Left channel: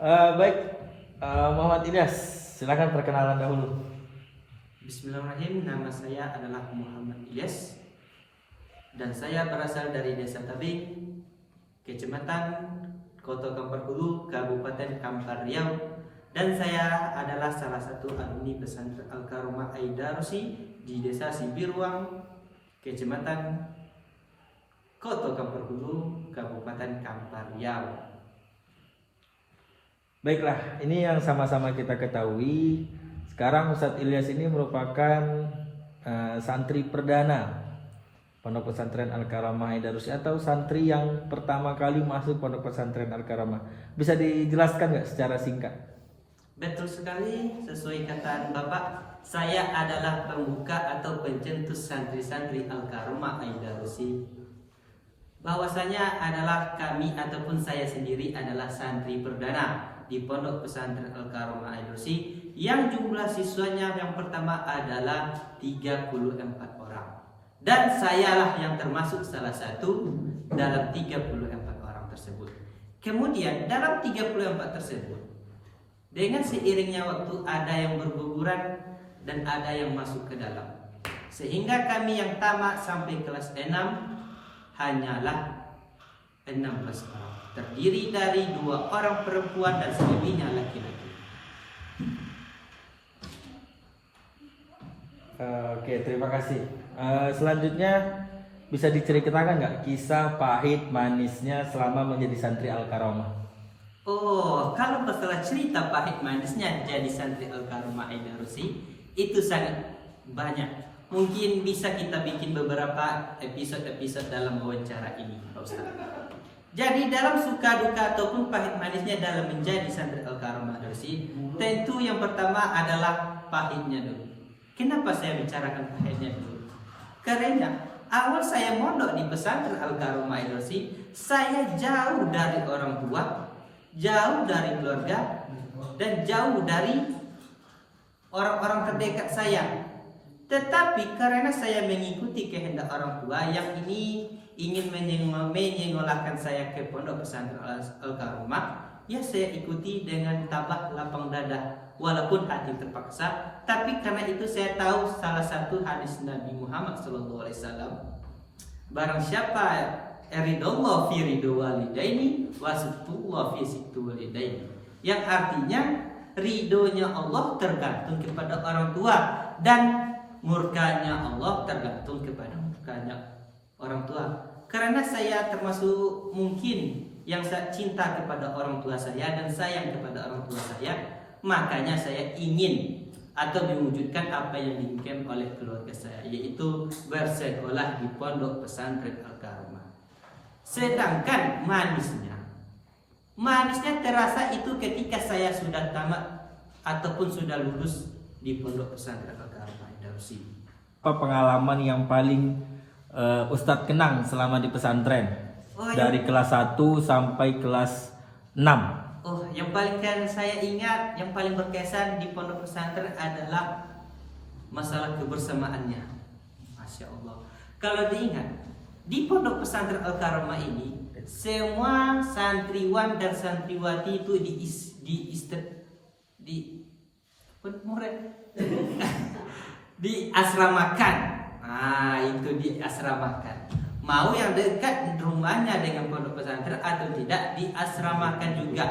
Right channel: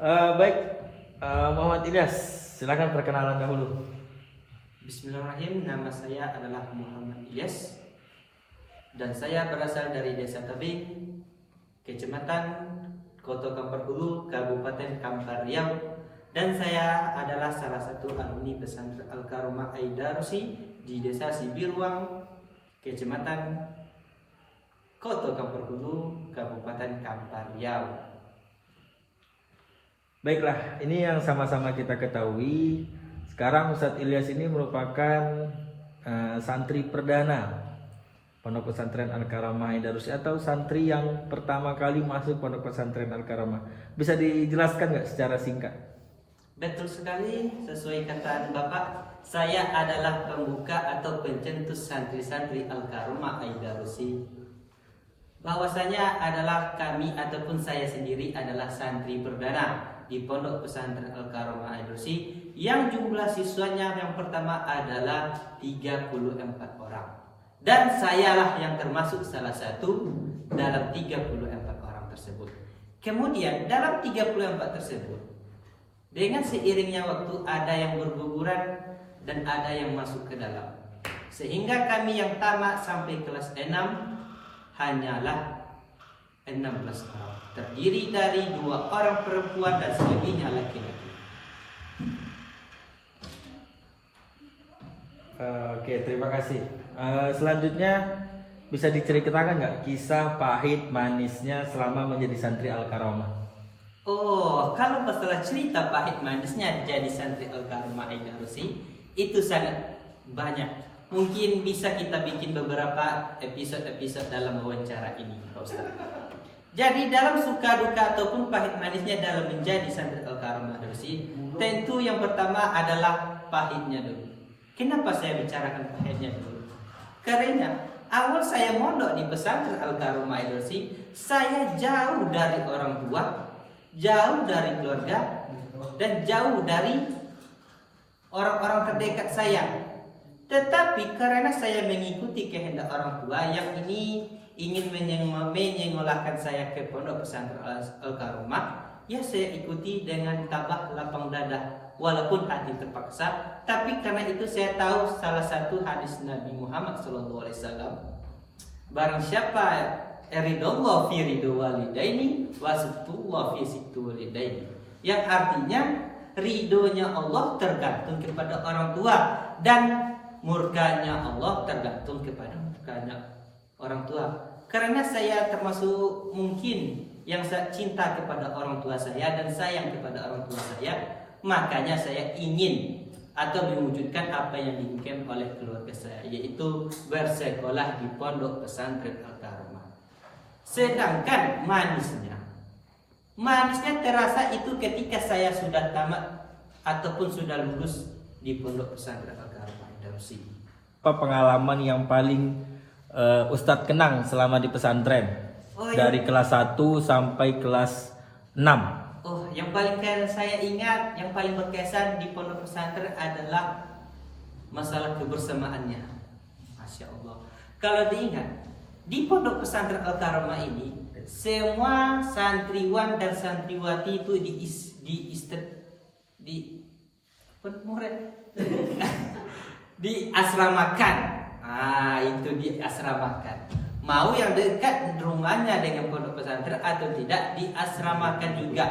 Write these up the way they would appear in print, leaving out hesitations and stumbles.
Baik, Muhammad Ilyas, silakan perkenalan dahulu. Bismillahirrahmanirrahim. Nama saya adalah Muhammad Ilyas dan saya berasal dari Desa Tabing, Kecamatan Koto Kampar Hulu, Kabupaten Kampar Riau, dan saya adalah salah satu alumni pesantren Al-Karomah Aidarusi di Desa Sibiruang, Kecamatan Koto Kampar Hulu, Kabupaten Kampar Riau. Baiklah, ini yang sama-sama kita ketahui. Sekarang Ustadz Ilyas ini merupakan santri perdana Pondok Pesantren Al-Karomah Aidarusi atau santri yang pertama kali masuk Pondok Pesantren Al-Karomah. Bisa dijelaskan nggak secara singkat? Betul sekali, sesuai kata Bapak, saya adalah pembuka atau pencetus santri-santri Al-Karomah Aidarusi. Bahwasanya adalah kami ataupun saya sendiri adalah santri perdana di Pondok Pesantren Al-Karomah Aidarusi yang jumlah siswanya yang pertama adalah 34 orang. Dan sayalah yang termasuk salah satu dalam 34 orang tersebut. Kemudian dalam 34 tersebut, dengan seiringnya waktu ada yang berguguran dan ada yang masuk ke dalam. Sehingga kami yang tamat sampai kelas 6 hanyalah 16 orang. Terdiri dari 2 orang perempuan dan selebihnya laki-laki. Oke, terima kasih. Selanjutnya bisa diceritakan nggak kisah pahit manisnya selama menjadi santri Al-Karomah? Oh, kalau masalah cerita pahit manisnya jadi santri Al-Karomah Aidarusi itu sangat banyak. Mungkin bisa kita bikin beberapa episode dalam wawancara ini, Pak Ustaz. Jadi dalam suka duka ataupun pahit manisnya dalam menjadi santri Al-Karomah Aidarusi, tentu yang pertama adalah pahitnya dulu. Kenapa saya bicarakan pahitnya dulu? Karena awal saya mondok di pesantren Al-Karomah Aidarusi, saya jauh dari orang tua, jauh dari keluarga, dan jauh dari orang-orang terdekat saya. Tetapi karena saya mengikuti kehendak orang tua yang ini ingin menyekolahkan saya ke Pondok Pesantren Al-Karomah, ya saya ikuti dengan tabah lapang dada walaupun hati terpaksa. Tapi karena itu saya tahu salah satu hadis Nabi Muhammad SAW, barang siapa ridallah fi ridho walidaini wasitullah fi situ walidaini, yang artinya ridhonya Allah tergantung kepada orang tua dan murkanya Allah tergantung kepada murkanya orang tua. Karena saya termasuk mungkin yang cinta kepada orang tua saya dan sayang kepada orang tua saya, makanya saya ingin atau mewujudkan apa yang diinginkan oleh keluarga saya, yaitu bersekolah di Pondok Pesantren Al-Karomah. Sedangkan manisnya terasa itu ketika saya sudah tamat ataupun sudah lulus di Pondok Pesantren Al-Karomah Aidarusi. Apa pengalaman yang paling Ustadz kenang selama di pesantren? Dari kelas 1 sampai kelas 6. Oh, yang paling saya ingat, yang paling berkesan di pondok pesantren adalah masalah kebersamaannya. Masya Allah. Kalau diingat, di pondok pesantren Al-Karomah ini, semua santriwan dan santriwati itu diasramakan. Itu diasramakan. Mau yang dekat rumahnya dengan pondok pesantren atau tidak, diasramakan juga.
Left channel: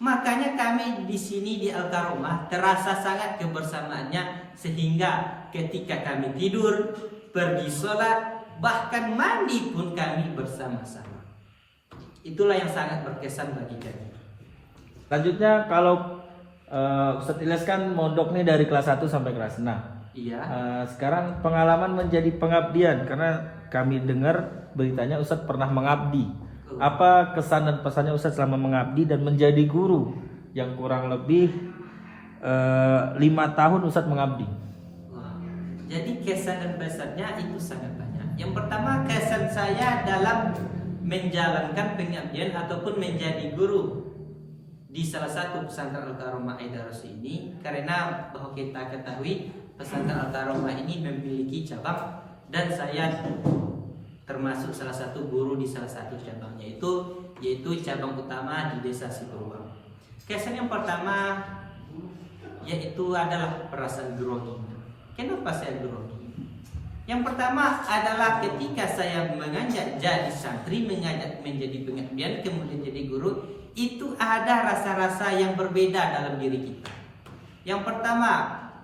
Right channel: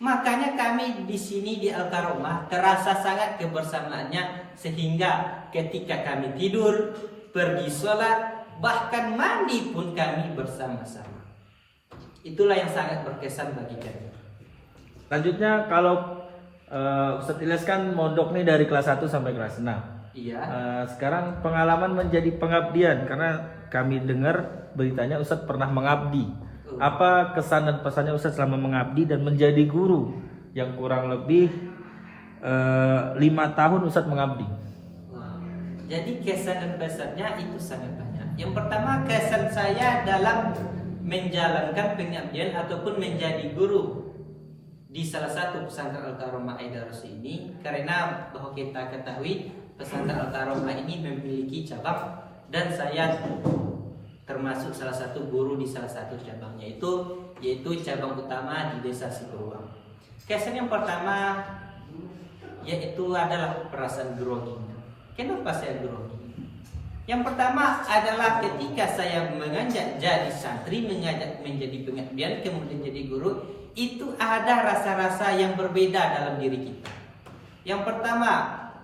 Makanya kami di sini di Al-Karomah terasa sangat kebersamaannya, sehingga ketika kami tidur, pergi sholat, bahkan mandi pun kami bersama-sama. Itulah yang sangat berkesan bagi kami. Selanjutnya kalau Ustadz Ilyas kan mondok nih dari kelas 1 sampai kelas 6. Iya. Sekarang pengalaman menjadi pengabdian, karena kami dengar beritanya Ustadz pernah mengabdi. Apa kesan dan pesannya Ustadz selama mengabdi dan menjadi guru yang kurang lebih 5 tahun Ustadz mengabdi? Jadi kesan dan pesannya itu sangat banyak. Yang pertama, kesan saya dalam menjalankan pengabdian ataupun menjadi guru di salah satu pesantren Al-Karomah Aidarusi ini, karena bahwa kita ketahui pesantren Al-Karomah ini memiliki cabang dan saya termasuk salah satu guru di salah satu cabangnya itu, yaitu cabang utama di Desa Siberwang. Kesan yang pertama yaitu adalah perasaan grogi. Kenapa saya grogi? Yang pertama adalah ketika saya mengajak jadi santri, mengajak menjadi pengabdian, kemudian jadi guru, itu ada rasa-rasa yang berbeda dalam diri kita. Yang pertama,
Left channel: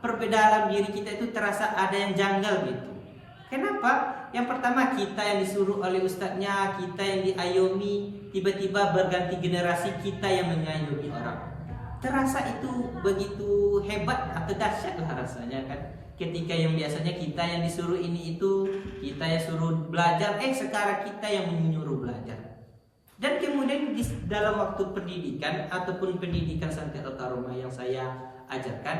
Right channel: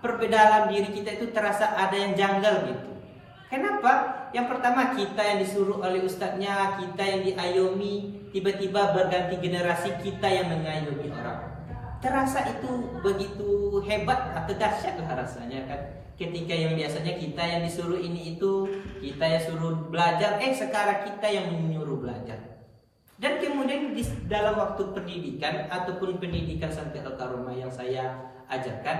perbedaan diri kita itu terasa ada yang janggal gitu. Kenapa? Yang pertama, kita yang disuruh oleh ustadznya, kita yang diayomi, tiba-tiba berganti generasi, kita yang mengayomi orang. Terasa itu begitu hebat atau dahsyat lah rasanya kan. Ketika yang biasanya kita yang disuruh ini itu, kita yang suruh belajar, sekarang kita yang menyuruh belajar. Dan kemudian di dalam waktu pendidikan ataupun pendidikan Santri Al-Karomah yang saya ajarkan,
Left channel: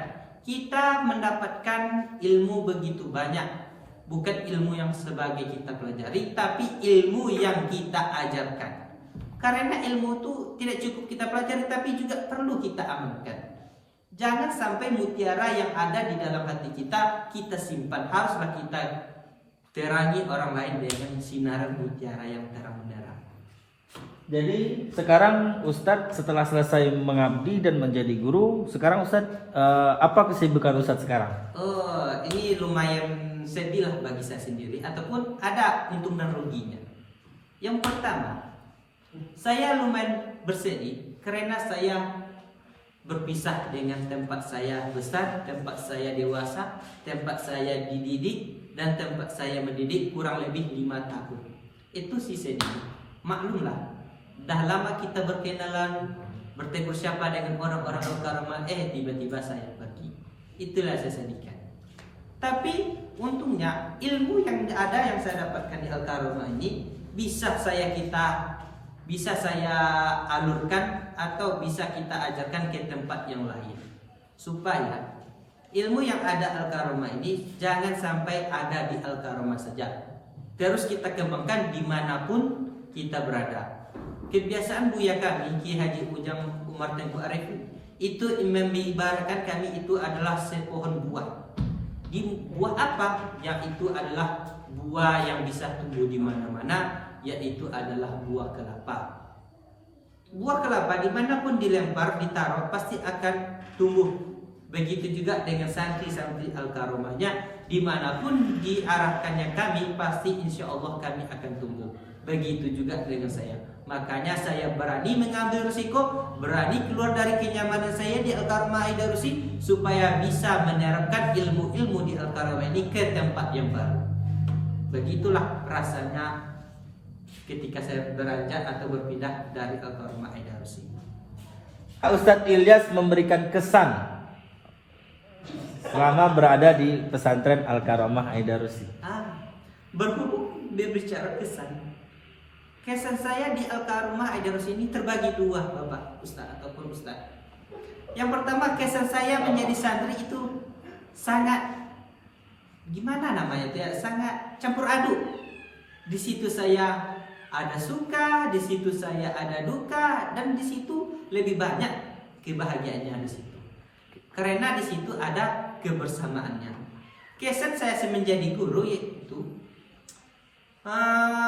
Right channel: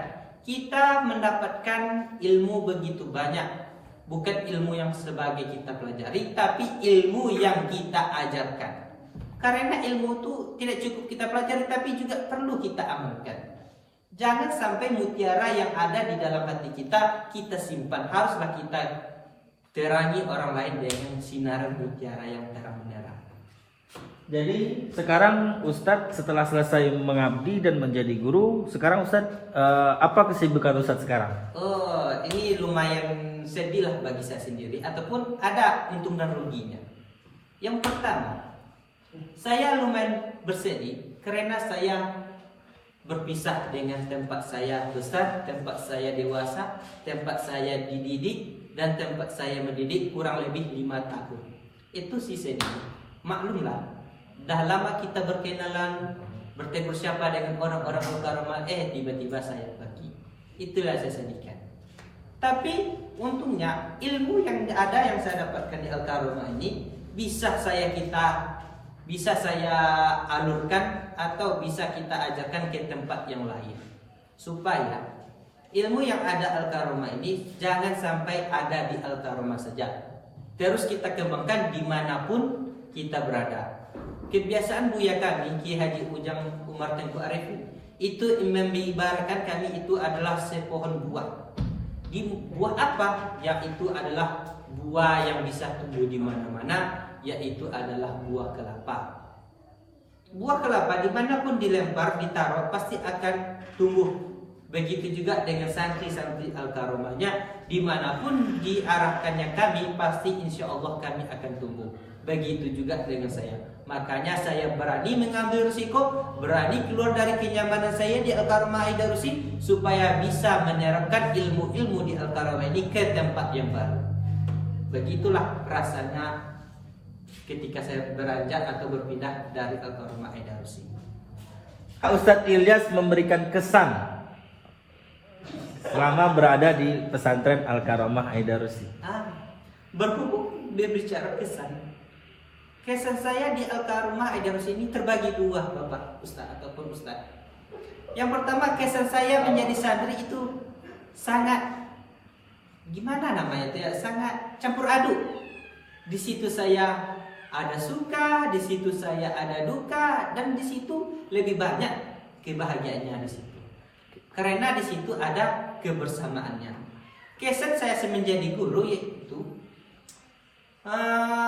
kita mendapatkan ilmu begitu banyak. Bukan ilmu yang sebagai kita pelajari, tapi ilmu yang kita ajarkan. Karena ilmu itu tidak cukup kita pelajari, tapi juga perlu kita amalkan. Jangan sampai mutiara yang ada di dalam hati kita, kita simpan. Haruslah kita terangi orang lain dengan sinar mutiara yang terang benderang. Jadi sekarang Ustadz setelah selesai mengabdi dan menjadi guru, sekarang Ustadz apa kesibukan Ustadz sekarang? Oh, ini lumayan sedih lah bagi saya sendiri, ataupun ada untung dan ruginya. Yang pertama, saya lumayan bersedih karena saya berpisah dengan tempat saya besar, tempat saya dewasa, tempat saya dididik, dan tempat saya mendidik kurang lebih 5 tahun. Itu sih sedih. Maklumlah, dah lama kita berkenalan, bertegur sapa dengan orang-orang Al-Karomah, tiba-tiba saya pergi. Itulah saya sedihkan. Tapi untungnya ilmu yang ada yang saya dapatkan di Al-Karomah ini bisa saya alurkan atau bisa kita ajarkan ke tempat yang lain, supaya ilmu yang ada Al-Karomah ini jangan sampai ada di Al-Karomah saja, terus kita kembangkan dimanapun kita berada. Kebiasaan buya kami Ki Haji Ujang Umar Tengku Arif itu mengibaratkan kami itu adalah sepohon buah. Di buah apa? Yang itu adalah buah yang bisa tumbuh di mana-mana, yaitu adalah buah kelapa. Buah kelapa dimanapun dilempar, ditaruh, pasti akan tumbuh. Begitu juga dengan santri-santri Al-Karomahnya, dimanapun diarahkannya kami, pasti insya Allah kami akan tumbuh. Begitu juga dengan saya. Makanya saya berani mengambil risiko, berani keluar dari kenyamanan saya di Al-Karomah Aidarusi, supaya bisa menerapkan ilmu-ilmu di Al-Karomah ini ke tempat yang baru. Begitulah rasanya ketika saya beranjak atau berpindah dari Al-Karomah Aidarusi. Ustadz Ilyas memberikan kesan selama berada di pesantren Al-Karomah Aidarusi. Berhubung berbicara kesan, kesan saya di Al-Karomah Aidarusi ini terbagi dua, Bapak Ustadz ataupun Ustadz. Yang pertama, kesan saya menjadi santri itu sangat gimana namanya ya, sangat campur aduk. Di situ saya ada suka, di situ saya ada duka, dan di situ lebih banyak kebahagiaannya di situ. Karena di situ ada kebersamaannya. Kesan saya menjadi guru yaitu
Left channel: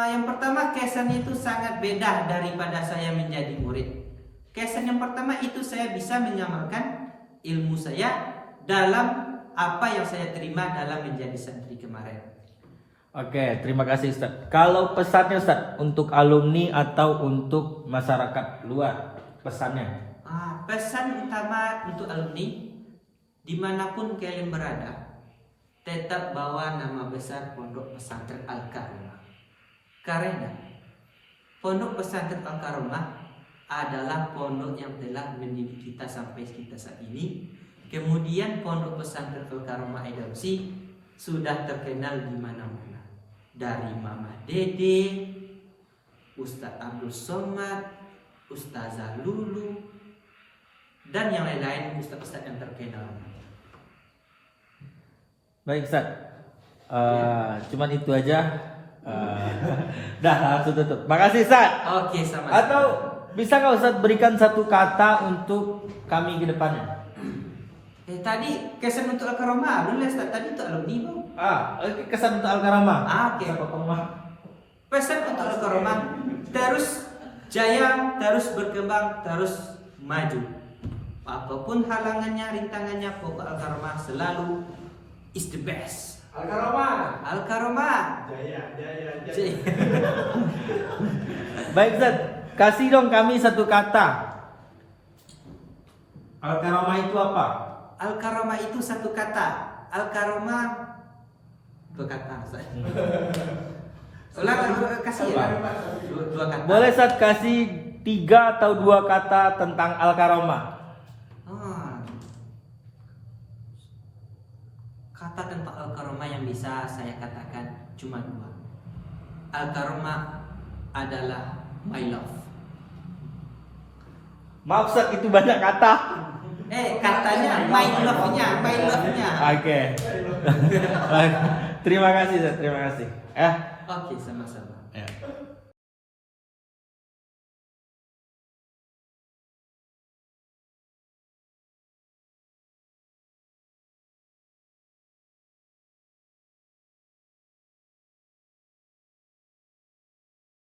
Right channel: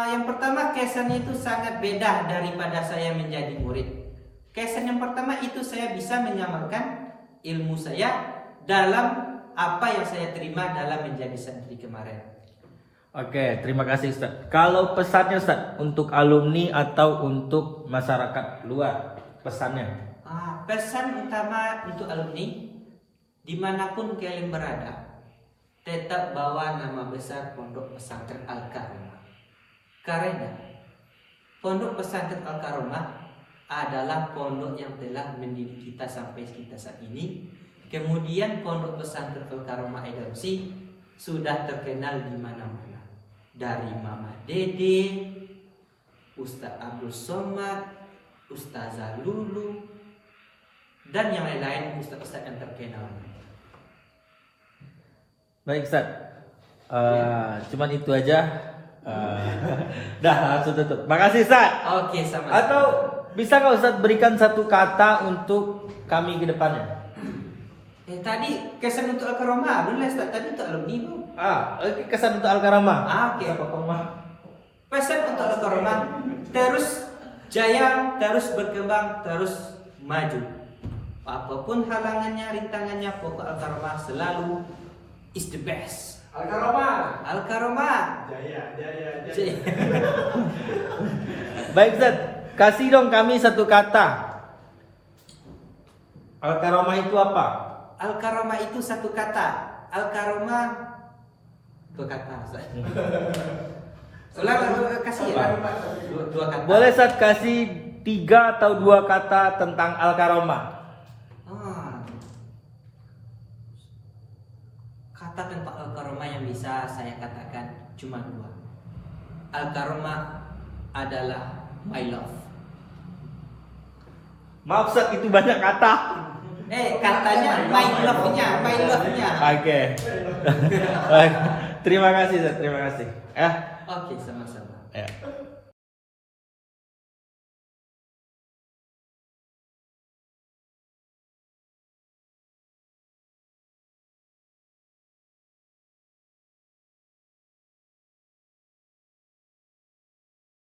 yang pertama, kesan itu sangat beda daripada saya menjadi murid. Kesan yang pertama itu saya bisa mengamalkan ilmu saya dalam apa yang saya terima dalam menjadi santri kemarin. Oke, terima kasih Ustadz. Kalau pesannya Ustadz untuk alumni atau untuk masyarakat luar, pesannya? Pesan utama untuk alumni, dimanapun kalian berada, tetap bawa nama besar Pondok Pesantren Al-Karomah. Karena Pondok Pesantren Al-Karomah adalah pondok yang telah mendidik kita sampai kita saat ini. Kemudian Pondok Pesantren Al-Karomah Aidarusi sudah terkenal di mana-mana. Dari Mama Dede, Ustadz Abdul Somad, Ustazah Lulu, dan yang lain-lain ustadz-ustadz yang terkenal. Baik Ustadz, cuman itu aja. Dah langsung tutup. Makasih Ustadz. Oke, sama-sama. Atau bisa nggak Ustadz berikan satu kata untuk kami ke depannya? Tadi kesan untuk Al-Karomah, belum Ustaz, tadi untuk alumni bang. Kesan untuk Al-Karomah. Oke. Pesan untuk Al-Karomah, terus jaya, terus berkembang, terus maju. Apapun halangannya, rintangannya, pokok Al-Karomah selalu is the best. Al-Karomah. Jaya. Baik Ustaz, kasih dong kami satu kata. Al-Karomah itu apa? Al-Karomah itu satu kata. Al-Karomah dua kata. Ulang, kasih ya. Dua kata. Boleh Ustaz kasih 3 atau 2 kata tentang Al-Karomah? Kata tentang Al-Karomah yang bisa saya katakan cuma 2. Al-Karomah adalah my love. Maaf Ustaz, itu banyak kata. Katanya my love-nya. Oke. Baik. Terima kasih Ustaz, terima kasih. Oke, sama-sama. Ya.